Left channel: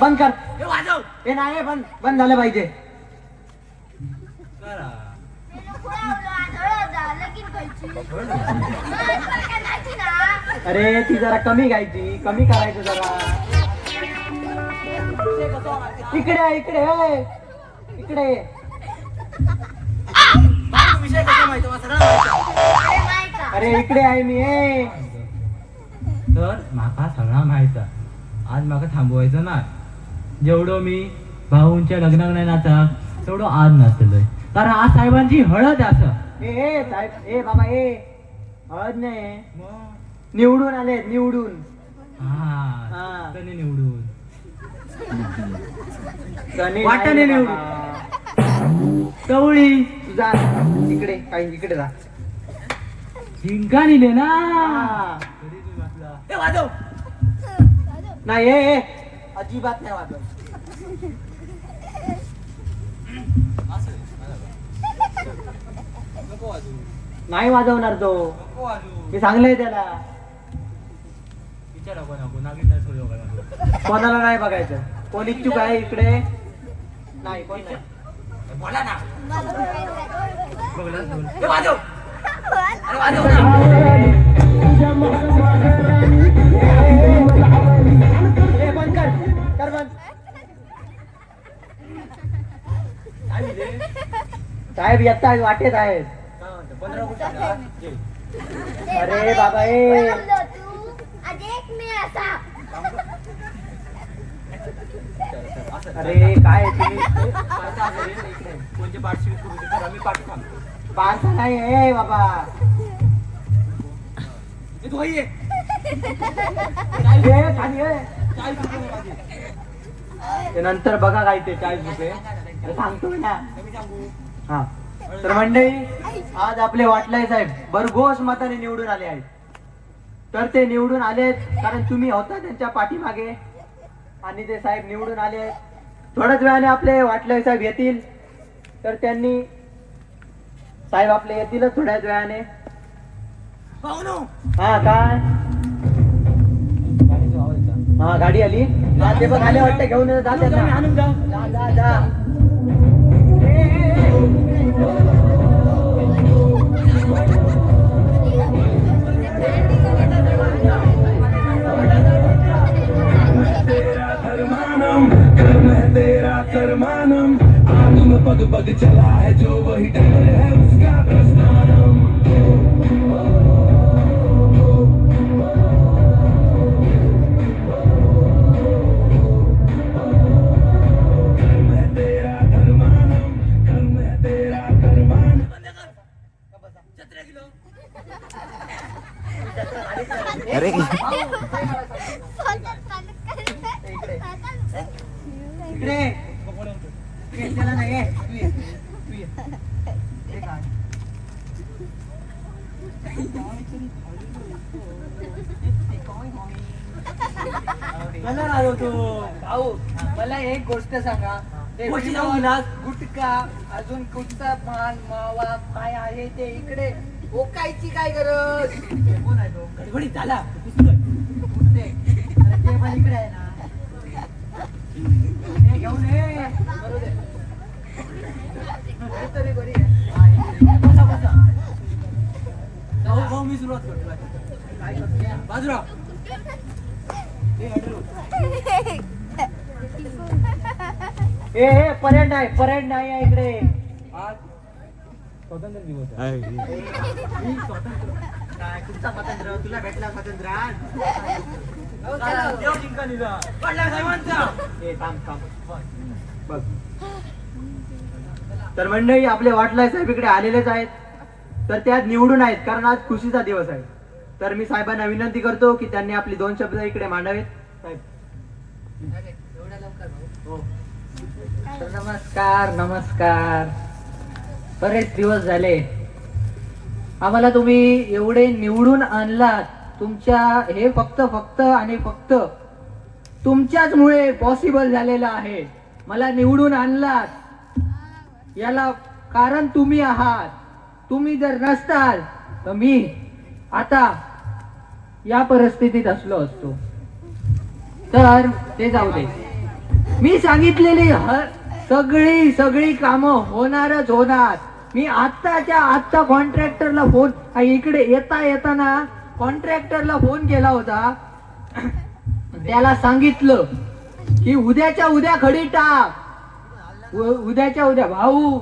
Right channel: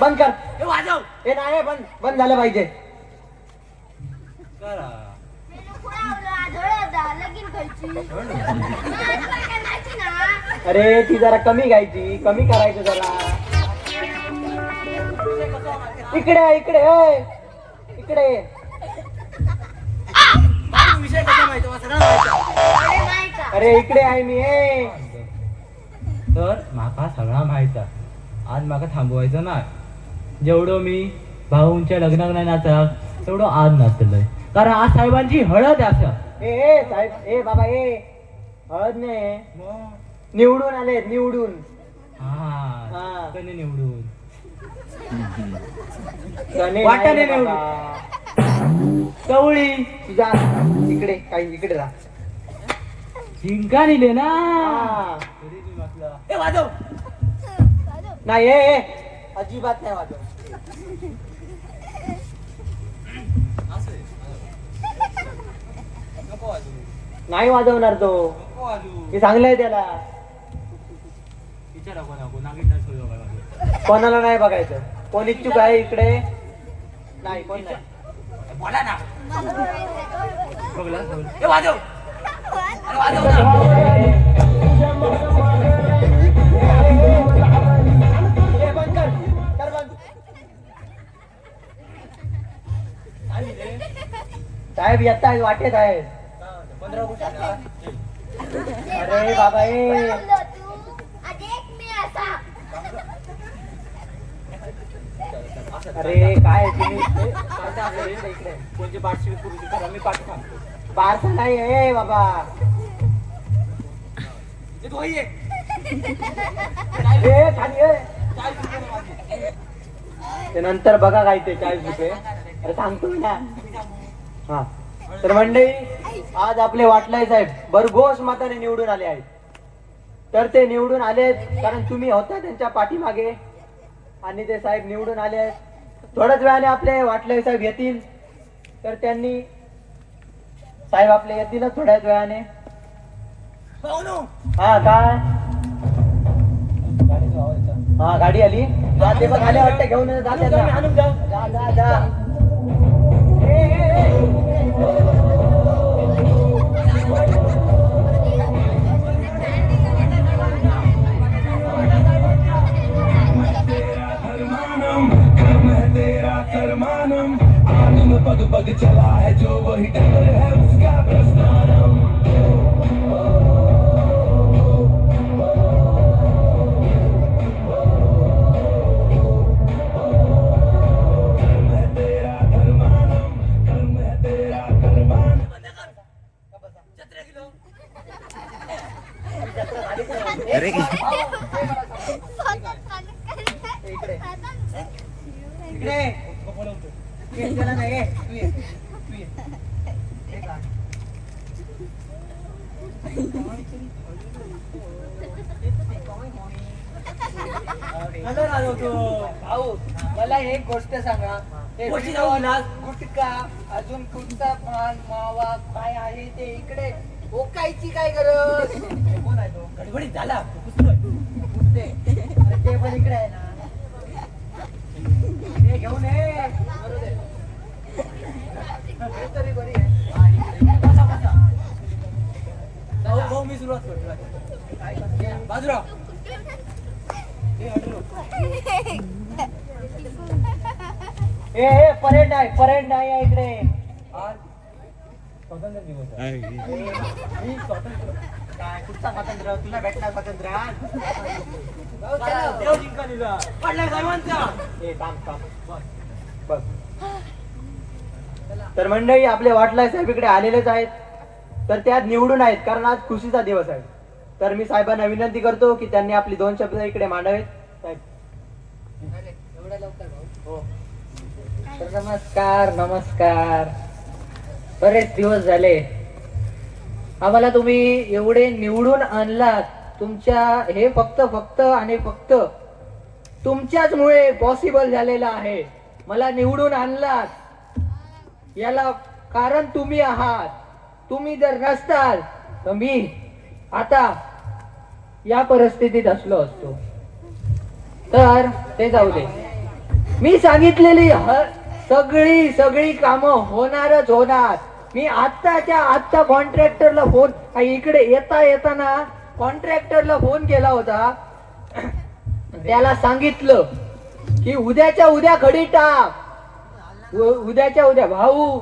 बंद कर. हे नाही बंद बंद झालं पाहिजे. अरे ती जरा कमी गायची, कमी करायचं जरा. इकडे इकडे इकडे. अरे इकडे आहे मी. तर माका सगळा माहित. आज माका थांबवायचं ना. जेवढं मी भाऊंच्या लग्नात नाही नाचत तेवढं आज नाचलंय, कारण आज साहेबांची हळद आहे. असं ए साहेब, ए बाबा, ए हळद नाही, निवडून आले, निवडून. हा त्याने निवडून वाटाने निवडून. कवळी तुझा इकडे काही इकडे राहा. जिंका निले ना. वाजव नाही, अजिबात नाही वाजव. नाही वाजवणार तो. मी सांगलंय त्याला. कोणाला नाही बघायचं. कोण इच्छुक आहे इकडे? नाही कोण नाही. बोला ना. वाजव वाजव ना. साहेब येत आहेत, वाटेत आहेत. अरे बाबा, अरे काय पार्सल नाही आहे बाबा. नंतर बघा काय ते 40 रुपये सांगतो ना. हा तर मंडळी, आज आपले वाटलाय साहेब भरघोस मताने निवडून आले आहेत. तर ते निवडून आले कारण तुम्ही होता त्यांच्या पाठीमागे, आणि ते साहेब निवडून आले. थोड्याच वेळाने आपले वाटलाय साहेब येतील. तर त्यांनी साहेब आपले येतीलच थोड्याच वेळाने. हा काय, हा गाडी आली. ते बघ आले वाटतं, घेऊन जा जा जा. पग चला है जो वही डर है उसका प्रस्थानम. अरे इकडे नाही. मला एक गोष्ट सांगा. गुटखा अजून कुठचा पान मावा काय आहे ते इकडे ओकायची काय गरज कोण आहे तो? गडबडीत झाला कुठे? अरे ते पण इकडे आहे ना हे घेऊन ये बरोबर आहे. हे तरी बरी आहे. हा, इकडे. बसा बसा भाऊ मी सुरुवात करतो काय करतो बाजूला हे हटलो. ए परेड नाही आहे इकडे आज स्वतंत्र दिवस आहे. काय कुठचा स्वातंत्र्य तुला भेटला स्वातंत्र्य आज देव जिंका दिला पडला साहेबांचा ए थांब बस. तर मंडळी आपले वाटलाय साहेब इकडे आलेलेच आहेत तर त्यात निवडून आहेत कारण आज खुशीचा दिवस आहे. तर मी साहेबांना विनंती करतो की त्यांनी आपली 2 शब्द इकडे मांडावेत. साहेब नमस्कार. बरेच दिवस झाले आम्हाला तुम्ही एवढे निवडून आणलात. तुमच्या हे फक्त आणि फक्त तुमच्याच मुळे पॉसिबल झालेलं आहे. मला निवडून आणलात याला कारण तुम्ही आहात. तुम्ही जर नसताल तर मी आता या परिस्थितीत असलो असतो. तर ते जाऊ दे. मी सांगितलेली सगळी कामं होणारच होणार. मी आत्ता कॉन्ट्रॅक्टरला फोन इकडे येताना कॉन्ट्रॅक्टरला फोन केला होता. त्याला सांगितलं की उद्याच्या उद्या खडी टाक. उद्याच्या उद्या भाऊ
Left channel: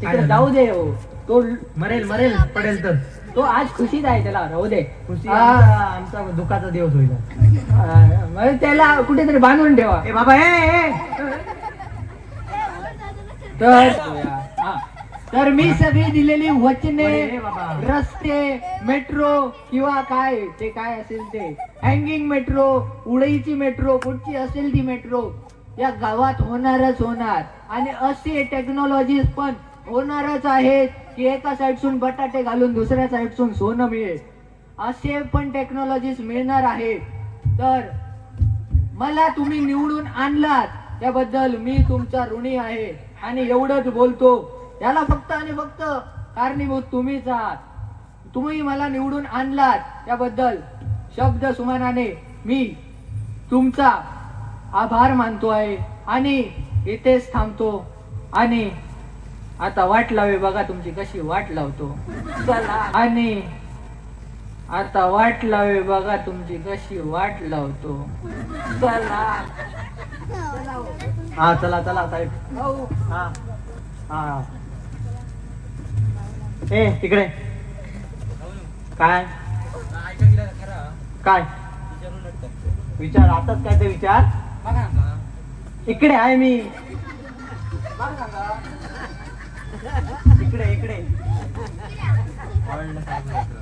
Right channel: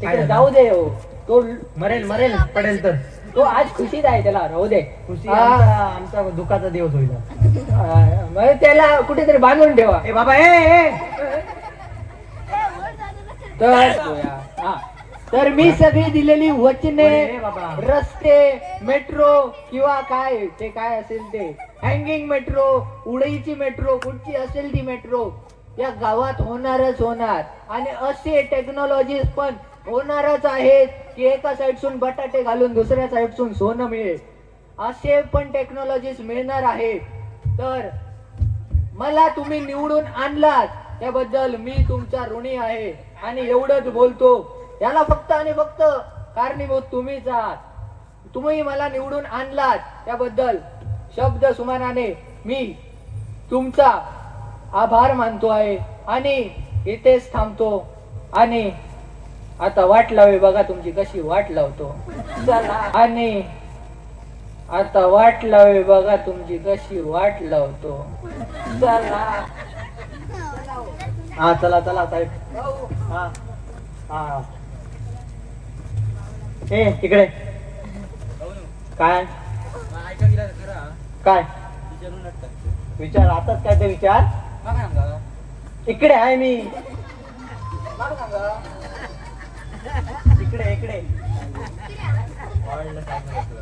तिकडे जाऊ दे हो. तो मरेल पडेल तर तो आज खुशीत आहे. त्याला राहू दे. आमचा दुःखाचा दिवस होईल. मग त्याला कुठेतरी बांधून ठेवा. ए बाबा ए तर मी सगळी दिलेली वचने ए बाबा. रस्ते मेट्रो किंवा काय ते काय असेल ते हँगिंग मेट्रो उडईची मेट्रो कुठची असेल ती मेट्रो या गावात होणारच होणार. आणि असे टेक्नॉलॉजीज पण होणारच आहेत की एका साईडसून बटाटे घालून दुसऱ्या साईडसून सोनं मिळेल. असे पण टेक्नॉलॉजीज मिळणार आहेत. तर मला तुम्ही निवडून आणलात त्याबद्दल मी तुमचा ऋणी आहे. आणि एवढंच बोलतो. याला फक्त आणि फक्त कारणीभूत तुम्हीच आहात. तुम्ही मला निवडून आणलात त्याबद्दल शब्द सुमानाने मी तुमचा आभार मानतो आहे. आणि इथेच थांबतो. आणि आता वाट लावे बघा तुमची कशी वाट लावतो. आणि आता वाट लावे बघा तुमची कशी वाट लावतो. हा चला साहेब. हा ए तिकडे काय विचार आताच काय ते विचार इकडे आहे मी इकडे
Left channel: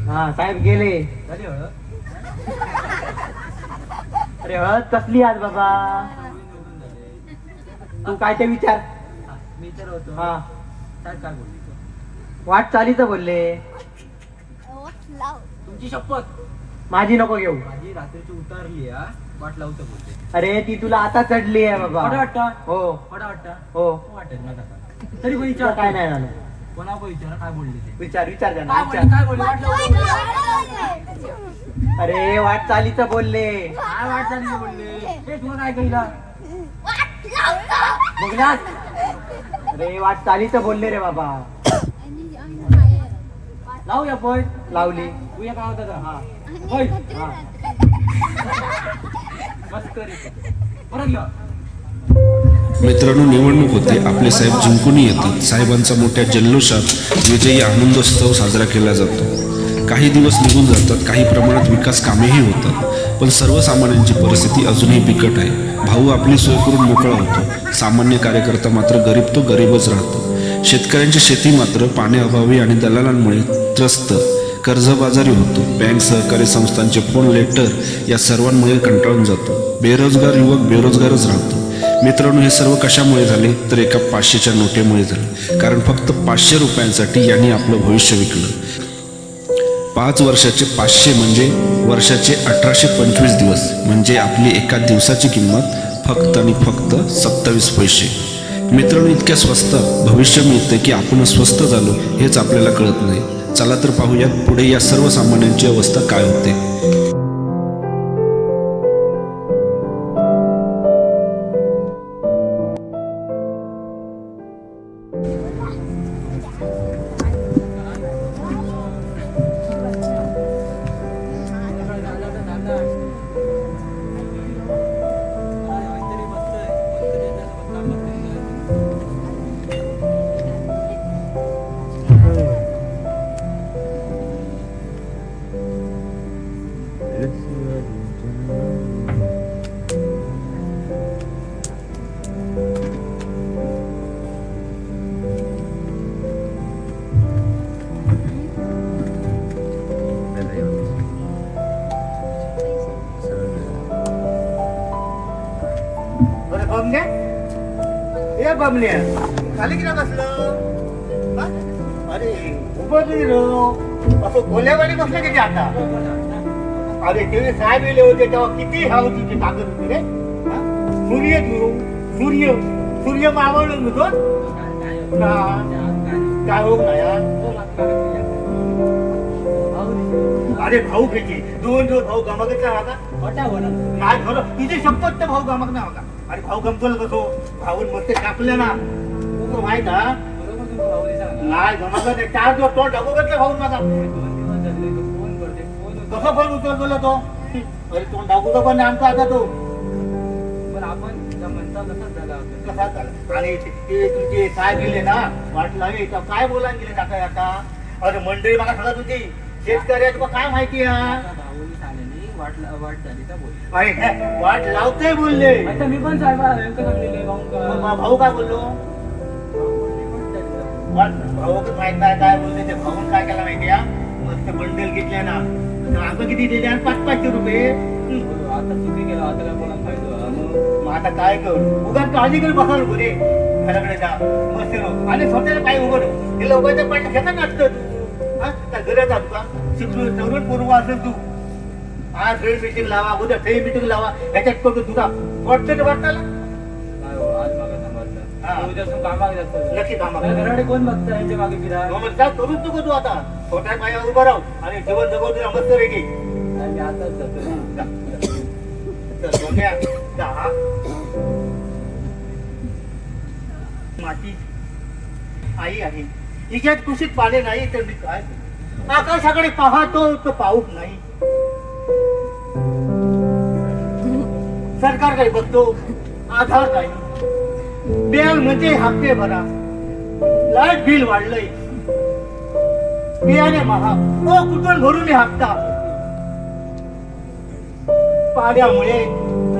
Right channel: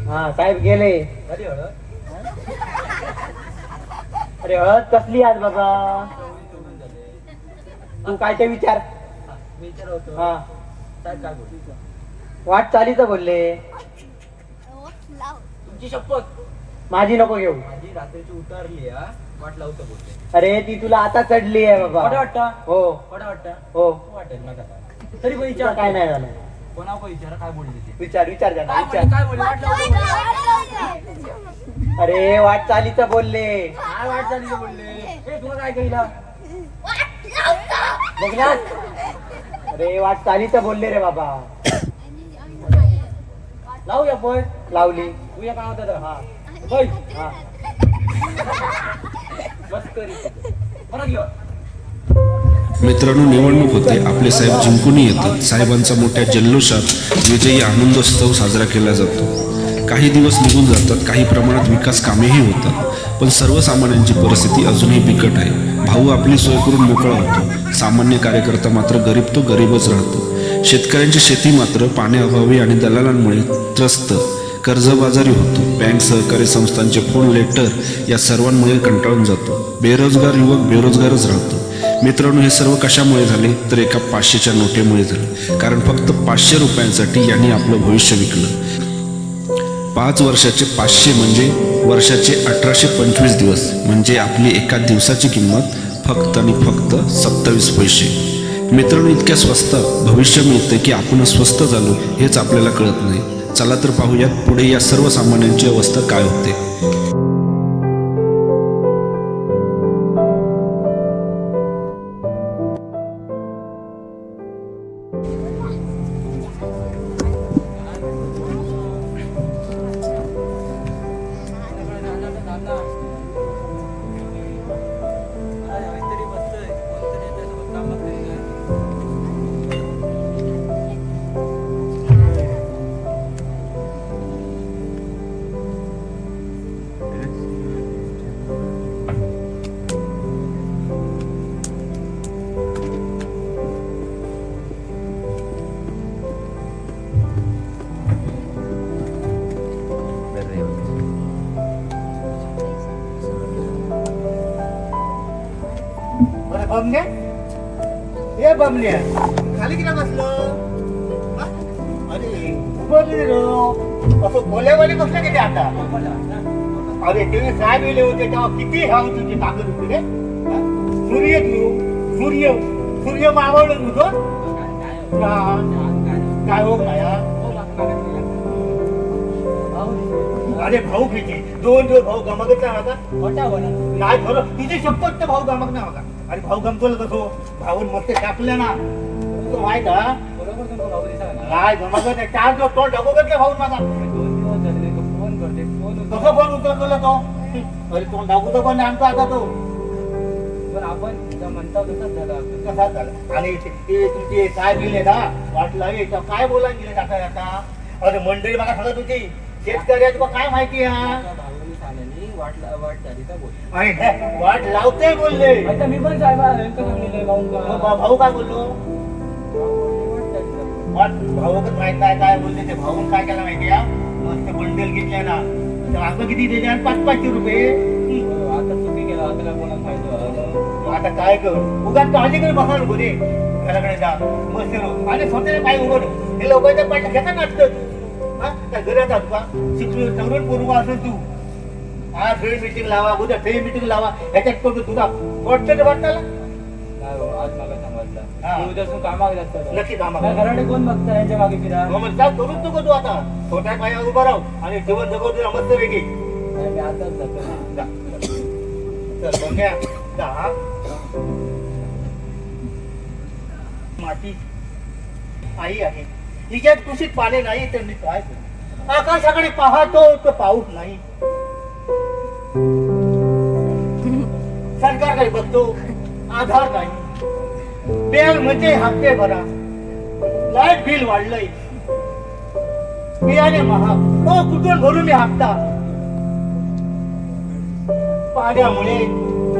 हा साहेब गेले. अरे हळद कसली आज बाबा तू काय ते विचार हा वाट चालीचं बोलले. तुमची शपथ माझी नको घेऊ. माझी रात्रीची उतारली वाट लावतो बोलते. अरे ती तुला आता चढली आहे बाबा. वाटतं हो वाटतं हो वाटेल मला तरी पण विचार काय नाही झालं. कोणा विचार काय बोलले ते विचार त्यांना, काय विचार. बोलले वाट लावतो. अरे वाट चालीचं बोलले. काय वाट झाली ते बोलले हे तुला काय कळलं बघलास. अरे वाट चालीचं बोलले रे बाबा. लावूया पण लावली. तू काय होतं हा होय. बस तरी परत घेऊ. मित्रांनो, निवडणूक होते. आपले साहेब जिंकूनही येतात. साहेबांचा मोठ्या जल्लोषात विजयी आनंदोत्सव साजरा केला जातो. काही दिवस निघून जातात. काही प्रमाणात विकास कामेही होतात. पण सर्वसामान्यांची परिस्थिती अजूनही बिकट आहे. भाऊ आपली सोय करून मोकळा होतो. सामान्य कार्यकर्ता मात्र गरीब तो गरीबच राहतो. शेतकऱ्यांची शेती मात्र पाण्याअभावी आणि दलालांमुळे त्रस्त कर्जबाजारी होतो. बँक सहकारी संस्थांचे फोन लेटर या सर्वांमुळे कंटाळून जातो. बेरोजगार युवक बेरोजगारच राहतो. मित्रांनो, हे सर्व कशामुळे झाले तर एका 500च्या नोटेमुळे झाले. कारण फक्त 500 रुपयांसाठी यांनी आपलं भविष्य विकलं. 5 वर्षाचे 500 म्हणजे वर्षाचे 1825 दिवस, म्हणजे आपली एका दिवसाची किंमत फक्त आणि फक्त 27 पैसे. मित्रांनो, इतक्या स्वस्तात भविष्य मिळतं की आपण स्वस्त झालो हेच आपल्याला कळत नाही. चला तर पाहूयात पुढे या सर्वसामान्यांची अवस्था काय होते. अरे बमण्या, ए बमण्या, खाली किती बसलं? हा? अरे उभं तुम्ही राव, असं खोल्यावाली बसले किती आता? अरे ते साहेब गेले होते तेव्हा किती ह्या तुझी ताकद होती रे. हा? सूर्य तू सूर्य सूर्य मावळलं होतो काय हो ना यार. अरे भाऊ किती दोन भाऊ गमगत नाही खरं तिची शपथ तर भाऊ गमक नाही होता. अरे भाऊ गमतोला कसो भाऊन मस्त टाकलं ना तू माहित हा नाही गमगत आहे. 4 दिवस तो डबोगतला भाऊ माझा कसा फोन उचलला तो. अरे तो डागूचा पण आमचा आता तो कसा झाला. आणि ते तुमचे साहेब गेले ना वाट लागली काय बोलायला गेले आता आता. अरे मंडळी मला सांगत होती शेतकऱ्या तुला काय माहिती आहे. अरे वाट लावते बोलले मी पण भाऊ काय बोललो. भाऊ तर माहित नाही काय बोलले ते. भाऊन काय केलं माहिती आहे मग ते बंडल घेतले ना तर आता किती दिले आणि 500 रुपये. मग आता काय करू उगाच काळजीकडे बसा नको रे घराकडे जा मस्त आणि स्वतःला काय उघड हे लोकांच्या पाठ घेता नाटतं तू. हा काय गरज आहे तुका शिकलो तरुण पूर्व असेल तू. आज फ्रेंड मीटिंग लावा उद्या फ्रेंड मीटिंग लावा ह्याच्यात करू तुका कोणतं वाटताला नक्की कामा घराडे कोण बघता यांच्या मागे फिरा. मग जा करूच नको तू आता छोट्या पायावर उभं राहू आणि जीवन जगव तुला मस्त वेगळी. मी आताच जातो. चल बघ्या दहा माती आई आहे हिच्यात कुशीत पाणी नाही तर मी काय करू. आकाशाकडे पाहतो तर पाऊस नाही. सरकारकडे बघतो आधार नाही. बेल म्हणजे हप्ते भरा लाईट बिल वाढलंय बियाणे महाग तो कुठून भरून मी हप्ता. पाण्यामुळे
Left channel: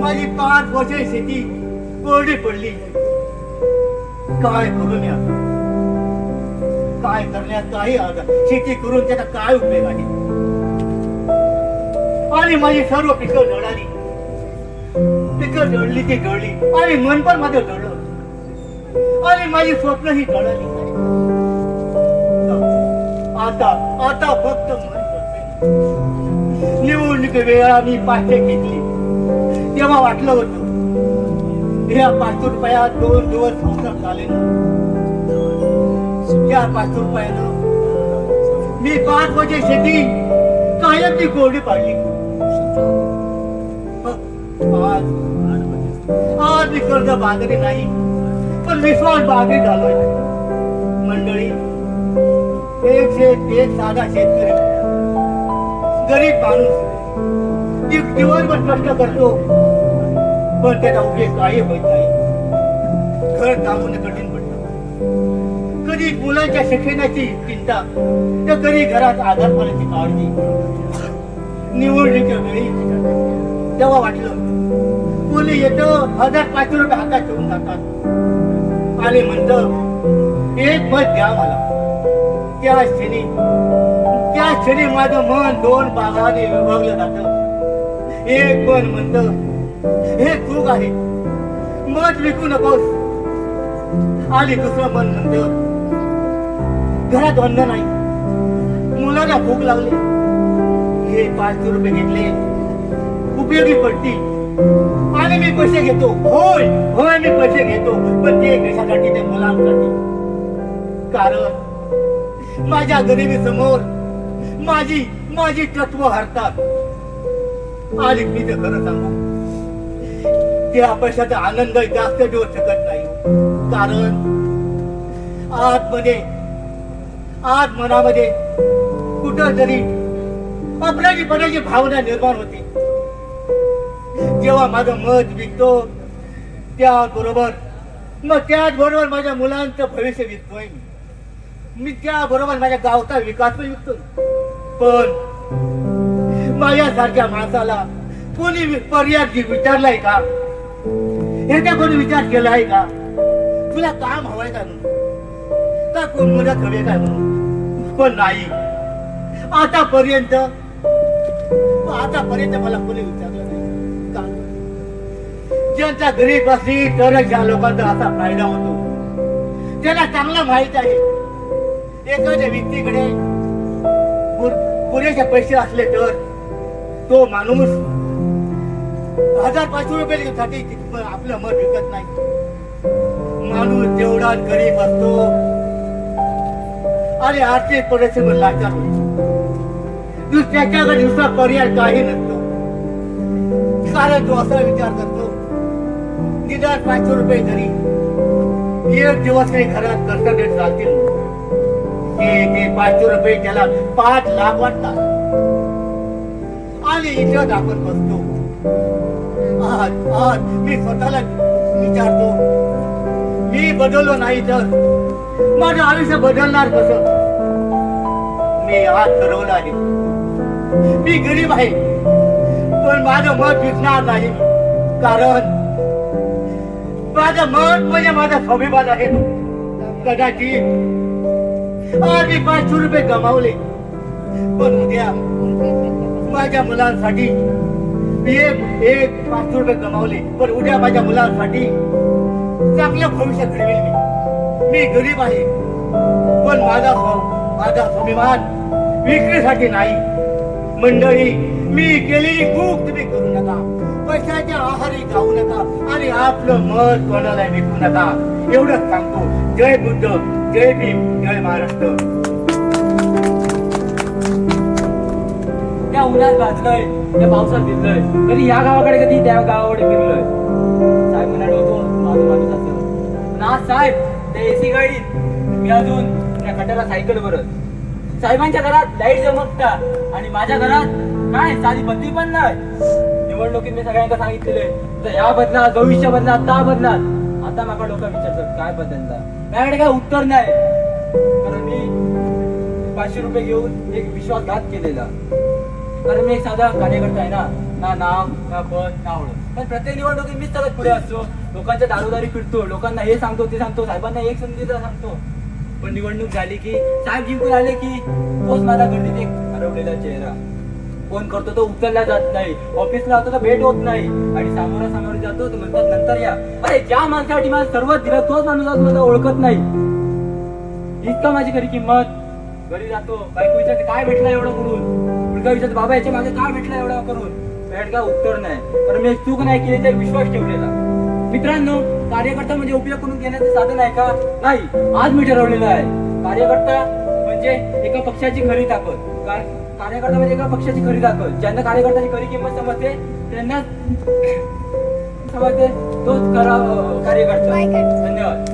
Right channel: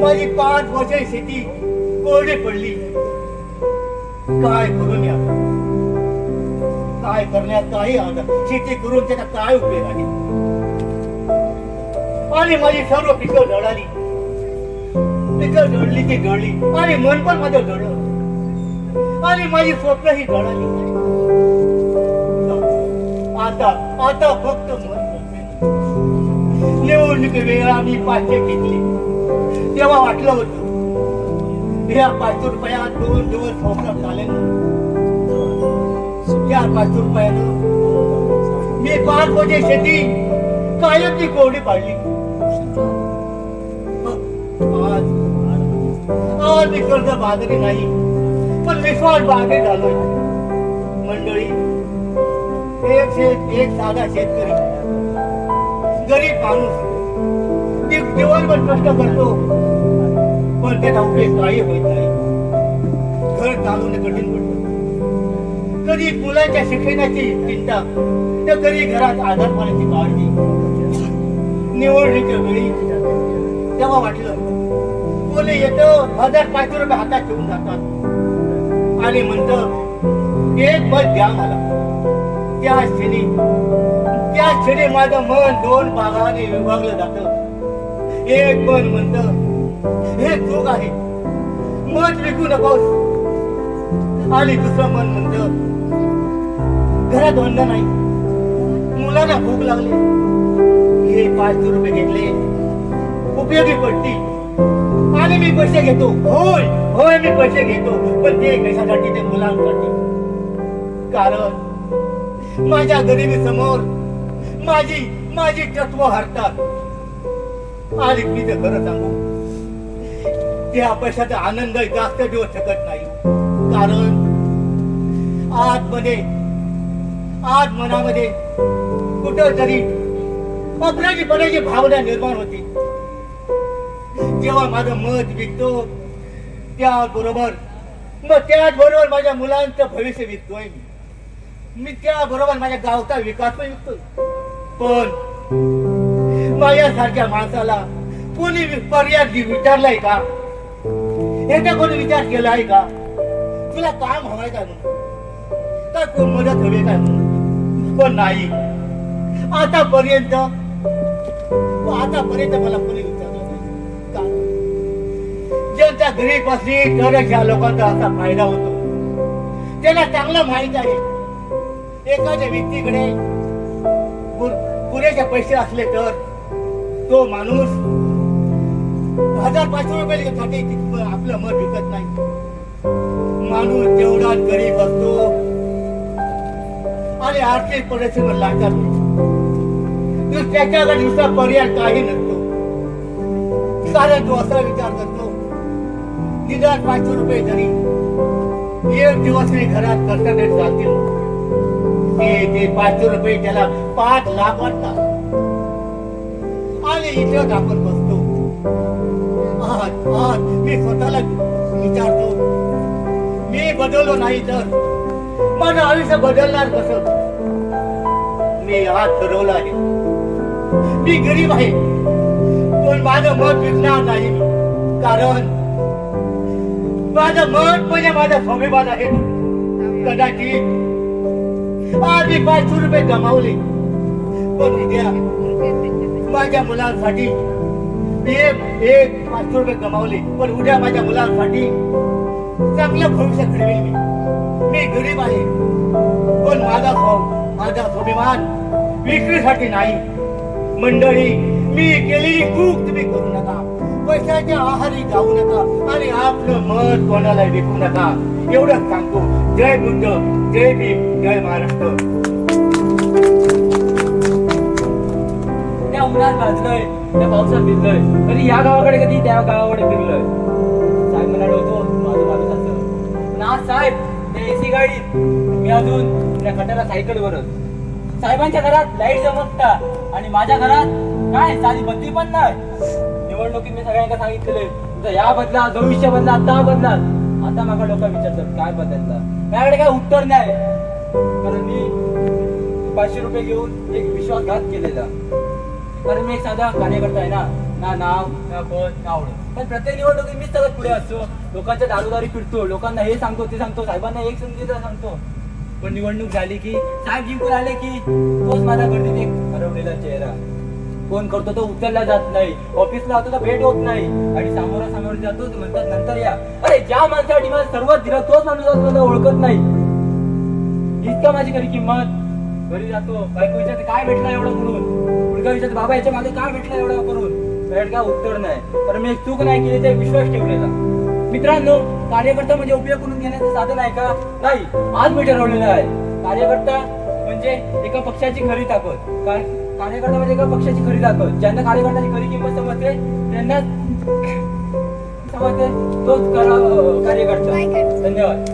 माझी 5 वर्षे शेती कोरडी पडली. काय करून या काय करण्यात काही आता शेती करून त्याचा काय उपयोग आहे. आणि माझी सर्व पिकं जळाली. पिकं जळली ती जळली आणि मन पण माझं जळलं आणि माझी स्वप्न ही जळली. आता आता फक्त मन बसले. निवडणूक वेळा मी 500 घेतली तेव्हा वाटलं होतं या 500 रुपयात 2 दिवस संसार चालेल. त्या 500 रुपयानं मी 5 वर्षे शेती कायम ती कोरडी पाडली. आज मी कर्ज बाजारी नाही पण विश्वास बागे झालोय. मंडळी एक साधा शेतकरी गरीब माणूस एक जीवनभर कष्ट करतो पण त्याचा उपयोग काही होत नाही. घर चालवणं कठीण पडतं. कधी मुलांच्या शिक्षणाची चिंता तर कधी घरात आधार पाण्याची काळजी. निवडणुकीच्या वेळी तेव्हा वाटलं कोणी येतं 1000-500 रुपये हातात ठेवून जातात आणि म्हणतं एक मत द्या मला. त्या क्षणी माझं मन 2 भागाने विभागलं जातं. एक मन म्हणतं हे चूक आहे मत विकू नकोस आणि दुसरं मन म्हणतं घरात अन्न नाही मुलाला भूक लागली हे 500 रुपये घेतले उपयोगी पडतील आणि मी पैसे घेतो. होय होय मी पैसे घेतो, पण ते कशासाठी? ते मुलांसाठी. कारण माझ्या गरिबी समोर माझी तत्व हरतात. आणि मी तर खरं सांगू, त्या पैशाचा आनंद जास्त देऊ शकत नाही. कारण आज मनामध्ये कुठं तरी अपराधीपणाची भावना निर्माण होते. जेव्हा माझं मत विकतो त्याचबरोबर माझ्या मुलांचं भविष्य विकतोय मी त्याबरोबर माझ्या गावचा विकास पण विकतोय. पण माझ्यासारख्या माणसाला कोणी पर्याय विचारलाय का? याचा कोणी विचार केलाय का? तुला काम हवंय का म्हणून, का कोण मदत हवी काय म्हणून? पण नाही. आतापर्यंत मला कोणी विचारलं नाही का? ज्यांच्या घरी बसली तरच या लोकांचा असा फायदा होतो. त्यांना चांगला माहित आहे, एखाद्या व्यक्तीकडे पुरेसे पैसे असले तर तो माणूस 1000-500 रुपये आपलं मत विकत नाही. माणूस जेवढा गरीब असतो आणि आर्थिक परिस्थितीवर लाचार होतो, त्याच्याकडे दुसरा पर्याय काही नसतो. कारण तो असा विचार करतो, निदान 500 रुपये तरी एक दिवस काही घरात कर्तव्य चालतील. ते 500 रुपये त्याला 5 लाख वाटतात. आणि इथं आपण बसतो. आज मी स्वतःला विचारतो, मी बदललो नाही तर माझं आयुष्य बदलणार कसं? मी आज ठरवलं आहे, मी गरीब आहे पण माझं मत विकणार नाही. कारण माझं मत म्हणजे माझा स्वाभिमान आहे. कदाचित आज मी 500 रुपये गमावले, पण उद्या माझ्या मुलांसाठी एक 500 रुपये गमावले, पण उद्या माझ्या मुलांसाठी चांगलं भविष्य घडवेल. मी गरीब आहे पण माझा स्वाभिमान विक्रीसाठी नाही. मंडळी, मी केलेली चूक तुम्ही करू नका. पैशाच्या आहारी जाऊ नका आणि आपलं मत कोणाला विकू नका. एवढंच सांगतो. जय बुद्ध, जय भीम, जय महाराष्ट्र. त्या उन्हात भाजलोय, त्या पावसात भिजलोय, कधी या गावाकडे कधी त्या गावाकडे फिरलोय. साहेब म्हणाल होतो माझं माणूस असं. पण आज साहेब त्या एसी गाडीत, मी अजून त्या खटारा सायकलवरच. साहेबांच्या घरात लाईट चमकता आणि माझ्या घरात काय साधी बत्ती पण नाही. निवडणुकीत मी सगळ्यांना सांगितलेलं या बदला, भविष्य बदला, आता बदला. आता माझा डोका विचारतात काय बदलला. माझ्याकडे काय उत्तर नाही. तर मी 500 रुपये घेऊन एक विश्वासघात केलेला. कारण मी एक साधा कार्यकर्ता आहे ना नाव ना पद ना आवडत. पण प्रत्येक निवडणुकीत मीच सगळ्यात पुढे असतो. लोकांच्या दारोदारी फिरतो, लोकांना हे सांगतो ते सांगतो, साहेबांना एक संधीचा सांगतो. पण निवडणूक झाली की साहेब जिंकून आले की तोच माझा गर्दीत एक हरवलेला चेहरा. फोन करतो तो उचलला जात नाही, ऑफिसला होतो तर भेट होत नाही, आणि सामोरासमोर जातो तर म्हणतात नंतर या. अरे ज्या माणसासाठी मला सर्वात दिलं तोच माणूस मला ओळखत नाही. इतकं माझी खरी किंमत. घरी जातो, बायको विचारते काय भेटलं एवढं करून. मुलगा विचारतो बाबा याच्या मागे काय भेटलं एवढं करून. भेट का उत्तर नाही. कारण मी एक चूक नाही केली तर विश्वास ठेवलेला. मित्रांनो, कार्यकर्ता म्हणजे उपयोग करून घेण्याचं साधन आहे का? नाही. आज मी ठरवलेलं आहे, कार्यकर्ता म्हणजे एका पक्षाची खरी ताकद. कार्यकर्ता म्हणजे एका पक्षाची खरी ताकद. ज्यांना कार्यकर्त्याची खरी किंमत समजते त्यांना समजते तोच कार्यकर्ता. धन्यवाद.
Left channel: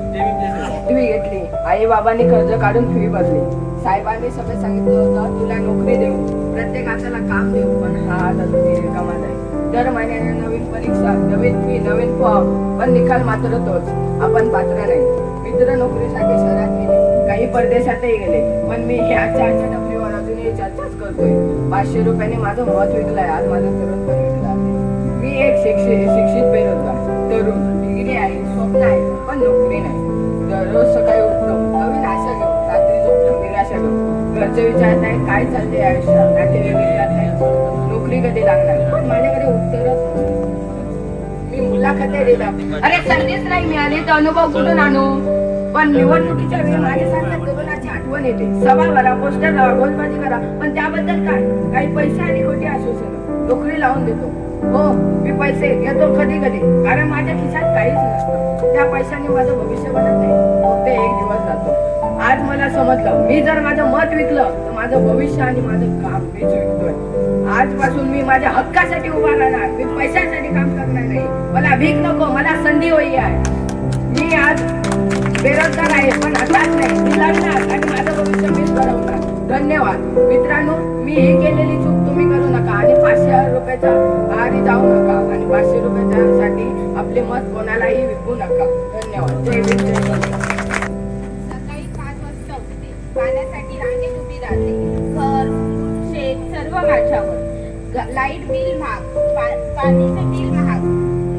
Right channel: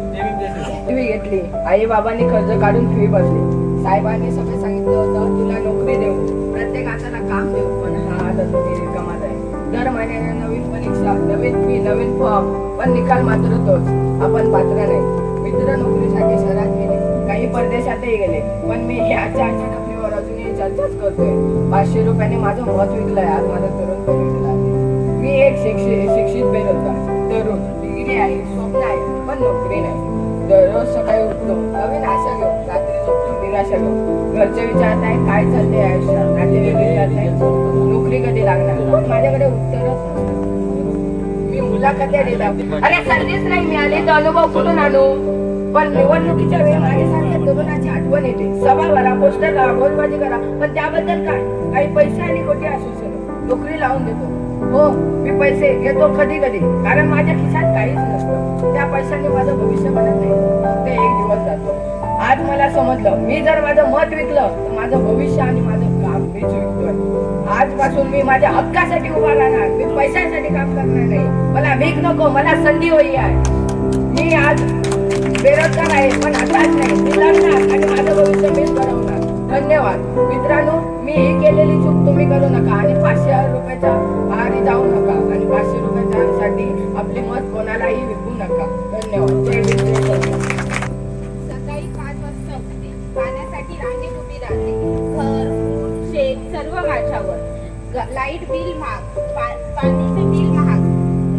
फी घेतली, आई बाबांनी कर्ज काढून फी भरली. साहेबांनी सगळं सांगितलं होतं तुला नोकरी देऊ, प्रत्येक हाताला काम देऊ. पण हा तसं कमाल आहे. दर महिन्याने नवीन परीक्षा, नवीन फी, नवीन फॉर्म, पण निकाल मात्र तोच, आपण पात्र नाही. मित्र नोकरीसाठी शहरात गेले, काही परदेशातही गेले, पण मी ह्याच्या डफलीवर अजूनही चर्चाच करतोय. 500 रुपयाने माझं मत विकलंय, आज माझं तरुण पण विकलं आहे. मी एक शिक्षित बेरोजगार तरुण, डिग्री आहे, स्वप्न आहे, पण नोकरी नाही. दररोज सकाळी उठतो, नवीन आशा घेऊन, रात्री झोपतो निराशा घेऊन. घरचे विचारताय काय चाललंय आयुष्यात, नातेवाईक विचारताय नोकरी कधी लागणार, पण माझ्याकडे उत्तरच नसतं. मी मुलाखत्या देतात, अरे संधीच नाही मिळाली तर अनुभव कुठून आणू. पण निवडणुकीच्या वेळी माझ्यासारख्या तरुणाची आठवण येते. सभा भरा, पोस्टर लावा, घोषबाजी करा, पण त्याबद्दल काय? काही पैसे आणि खोटी आश्वासनं. नोकरी लावून देतो, हो, मी पैसे घेतो कधी कधी, कारण माझ्या खिशात काहीच नसतं. त्या पैशाने माझं भविष्य बनत नाही, फक्त एक दिवस जातो. आज मला समजलं, मी जर माझं मत विकलं तर माझं भविष्य आणि माझं काम मीच विकतोय. आजपासून मी माझ्या हक्कासाठी उभा राहणार. मी पैशासाठी काम करणार नाही. मला भीक नको, मला संधी हवी आहे. मी आज बेरोजगार आहे, पण हताश नाही. मी लढणार आणि माझं भविष्य मीच घडवणार. धन्यवाद मित्रांनो. मी ही केलेली चूक तुम्ही करू नका आणि 500 रुपयाच्या आहारी जाऊ नका आणि 500 रुपयासाठी आपले मत कोणालाही विकू नका. धन्यवाद. जय भीम, जय भारत. सकाळी 5 वाजता उठते, पाण्यासाठी रांगेत उभी राहते. घर, शेत सर्व माझ्यावर. लाईट बिल महाग, पाणीचे बिल महाग,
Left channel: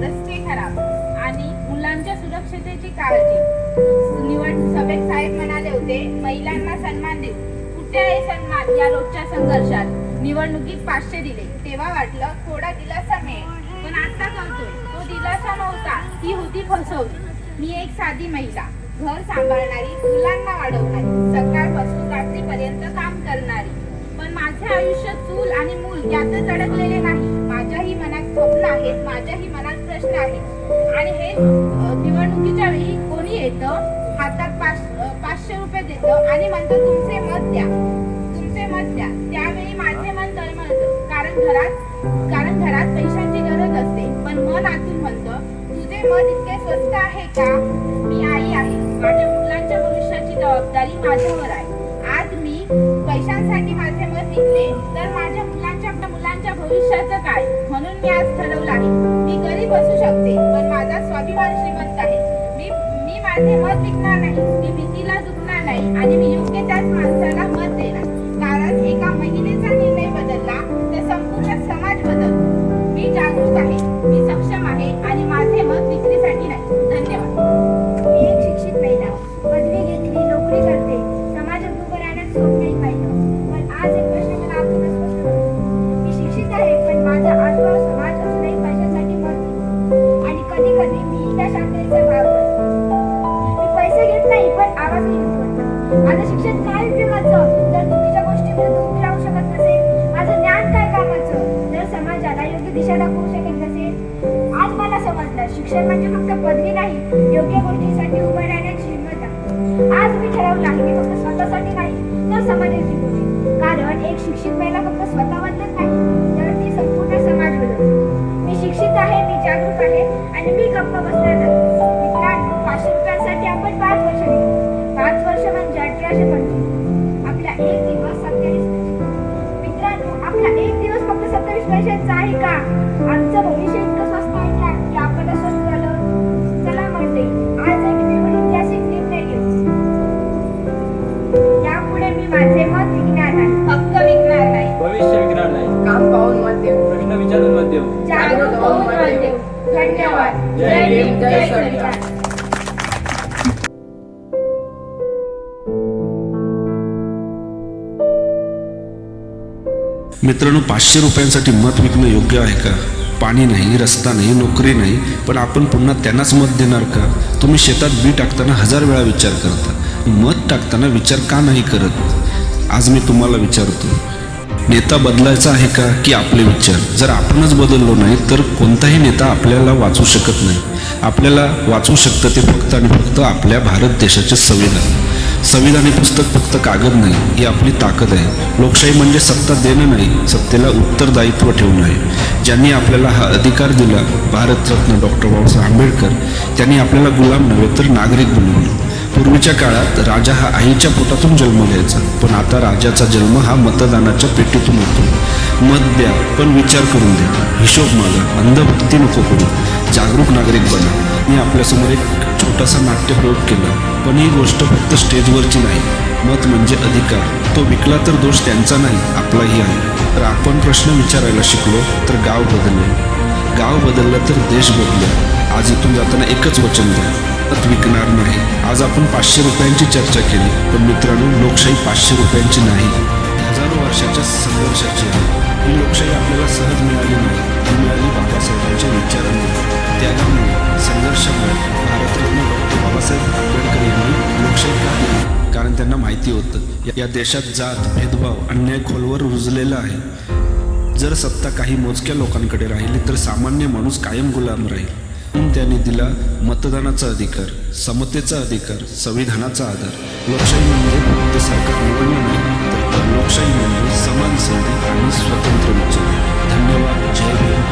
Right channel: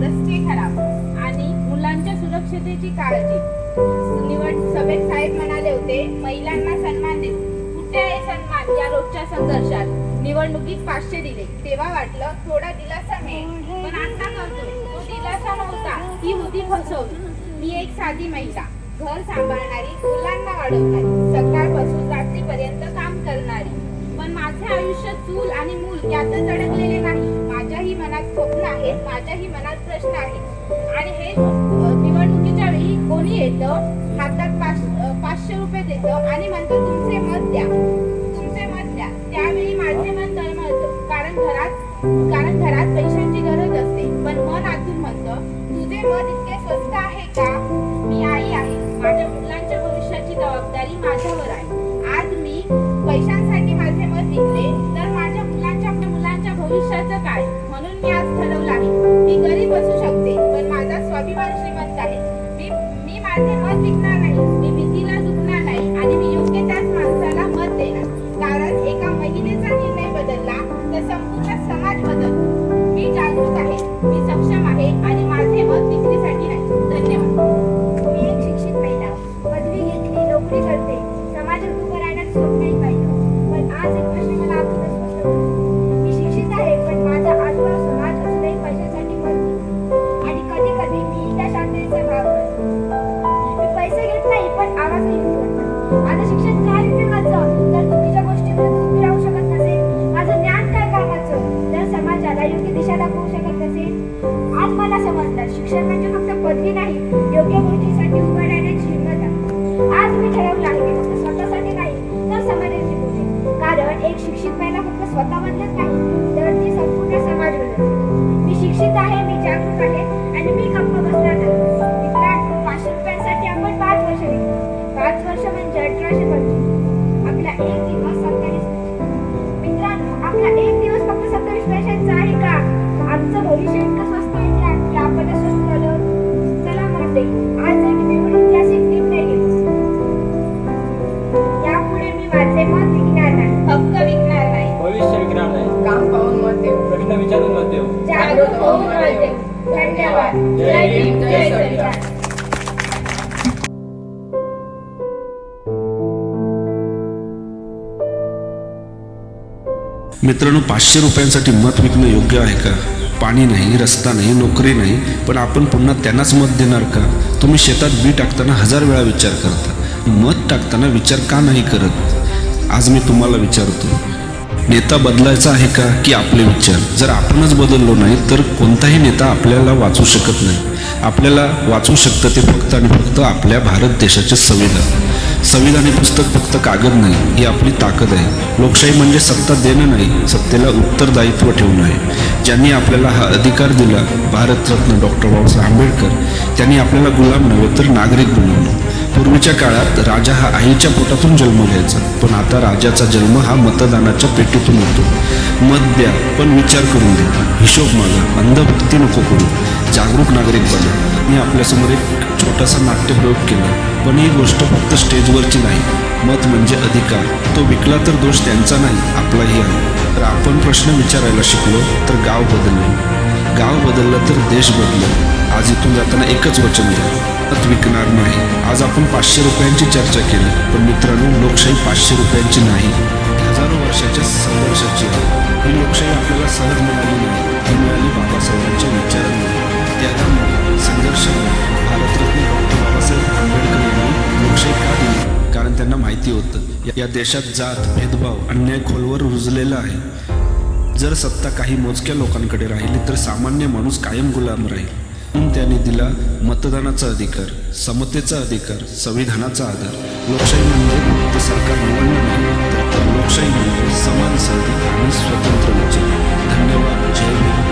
रस्ते खराब आणि मुलांच्या सुरक्षतेची काळजी. निवड सभेत साहेब म्हणाले होते, महिलांना सन्मान देऊ. कुठे आहे सन्मान या रोजच्या संघर्षात? निवडणुकीत 500 दिले, तेव्हा वाटलं थोडा दिलासा मिळेल, पण आता करतोय तो दिलासा नव्हता, ती होती फसवली. मी एक साधी महिला, घर सांभाळणारी, मुलांना वाढवणारी, सकाळपासून रात्रीपर्यंत काम करणारी. पण माझे आयुष्य चूल आणि मूल यातच अडकलेले नाही. माझ्याही मनात स्वप्न आहेत, माझ्याही मनात प्रश्न आहेत. आणि हे निवडणुकीच्या वेळी कोणी येतं, हातात 500 रुपये देतं आणि म्हणतं तुमचे मत द्या, तुमचे मत द्या. त्यावेळी माझे मन तळमळतं, कारण घरात पैशांची गरज असते. पण मन आतून म्हणतं, तुझे मत इतके स्वस्त आहे का? मी आई आहे, माझ्या मुलांच्या भविष्याची जबाबदारी माझ्यावर आहे. आज मी पैशांसाठी माझे मत विकले तर माझ्या मुलांच्या भविष्याचं काय? म्हणून मी आज ठरवलं आहे, मी गरीब असू शकते पण माझा स्वाभिमान श्रीमंत आहे. मी माझे मत विकणार नाही, मी भीतीला झुकणार नाही आणि मी योग्य त्याच माणसाला मत देणार. कारण एका महिलेचा निर्णय बदलला तर संपूर्ण समाज बदलतो. मी जागरूक आहे, मी सक्षम आहे आणि माझे मत विक्रीसाठी नाही. धन्यवाद. मी एक शिक्षित महिला, पदवी घेतली, नोकरी करते, समाजात उभं राहण्याचं स्वप्नही पाहिलं. पण आज एक प्रश्न मला अगदीच स्पष्ट होतो. मी शिक्षित आहे, पण माझा आजोबा समाज असूनही पैशासाठी मत देतो. आणि कधी कधी मी त्या शांततेचा भाग करतो. मी पैसे घेत नाही, पण आवाजही उठवतो. माझं शिक्षण काय उपयोगाचं जर चुकीच्या गोष्टींमध्ये उभी राहू शकत नसेल? माझं ज्ञान काय कामाचं जर समाजाला योग्य दिशा दाखवू शकत नसेल? आज मला समजलं, शिक्षण म्हणजे फक्त पदवी नाही, योग्य गोष्टीसाठी उभं राहण्याची हिंमत आहे. आज मी ठरवलं आहे की फक्त स्वतःसाठी नाही तर समाजाची बोलेल. कारण एक शिक्षित महिला फक्त स्वतः बदलत नाही तर ती संपूर्ण समाज बदलते. मी शिक्षित आहे, मी जागरूक आहे आणि मी गप्प बसणार नाही. मित्रांनो, 500 रुपयांसाठी आपण 5 वर्ष घेतो. 5 वर्ष म्हणजे 1825. आपला एक दिवस 27 पैसे. मित्रांनो, आपला एक दिवस फक्त 27 पैशांचा आहे का? आमचं भविष्य इतकं स्वस्त आहे का की आपण स्वस्त झालं? चला म्हणते, आज एक ऐतिहासिक निर्णय घेऊ. यापुढे मी माझे मत विकणार नाही, हक्क विकणार नाही, भविष्य विकणार नाही, काम पाहून मत देऊ, प्रश्न विचारून मत देऊ. जागरूक होऊन मत देऊ. धन्यवाद. जय भीम, जय संविधान. संविधान. मित्रांनो, 500 रुपयांसाठी मत विकणं योग्य आहे का? पाणी नाही, रस्ता नाही, नोकरी नाही, पण आपण पुन्हा त्यांनाच मत देणार का? तुम्ही शेतात बी टाकताना 1000 वेळा विचार करता, मत टाकताना विचार का नाही करत? आज मी तुम्हाला विचारतो, नेता बदलायचा आहे का की आपले विचार? जर आपणच बदललो नाही तर कोणताही नेता आपल्याला वाचू शकत नाही. आपल्याला वाचू शकतं ते फक्त आणि फक्त आपल्या भारत देशाचे संविधान. संविधान हे पुस्तक फक्त कागद नाही, ही आपली ताकद आहे. लोकशाही म्हणजे सत्ता देणं नाही, सत्तेला उत्तरदायित्व ठेवणं आहे. ज्यांनी आपल्याला हा अधिकार दिला, भारतरत्न डॉक्टर बाबासाहेब आंबेडकर, त्यांनी आपल्याला गुलाम नव्हे तर नागरिक बनवलं. पूर्वीच्या काळात राजा हा आईच्या पोटातून जन्म घ्यायचा, पण आता राजाचा जन्म हा मतदानाच्या पेटीतून होतो. मत द्या, पण विचार करून द्या, हिशोब मागा, अंधभक्ती नको करू, जागरूक नागरिक बना. मी आपल्यासमोर एक छोटासा नाट्यप्रयोग केला, पण ही गोष्ट फक्त स्टेजवरची नाही. मत म्हणजे अधिकार. तो विकला तर दोष त्यांचा नाही, आपलाही आहे. तर आपण प्रश्न विचारायला शिकलो तर गाव बदलले, गाव बदललं तर देश बदलेल. आज इथून जाताना एकच वचन द्या, मत विकणार नाही. आज आपण 500 रुपयांची चर्चा केली, पण मित्रांनो, लोकशाही 500 रुपयांची नाही, हजारो वर्षाच्या संघर्षाची आहे. ही लोकशाही आपल्याला सहज मिळाली नाही, ती मिळाली बाबासाहेबांच्या विचारांमुळे, त्यागामुळे, संघर्षामुळे. भारतरत्न डॉक्टर बाबासाहेब आंबेडकर यांनी लोकशाही का दिली? कारण त्यांना माहिती होतं या देशात जात, भेदभाव, अन्याय खोलवर रुजलेला आहे. जर सत्ता काही मोजक्या लोकांकडे राहिली तर सामान्य माणूस कायम गुलाम राहील. म्हणून त्याने दिला मतदानाचा अधिकार, समतेचा अधिकार, संविधानाचा आधार. लोकशाही म्हणजे फक्त सरकार निवडणं नाही, तर लोकशाही म्हणजे समान संधी आणि स्वतंत्र विचार. धन्यवाद. जय भीम.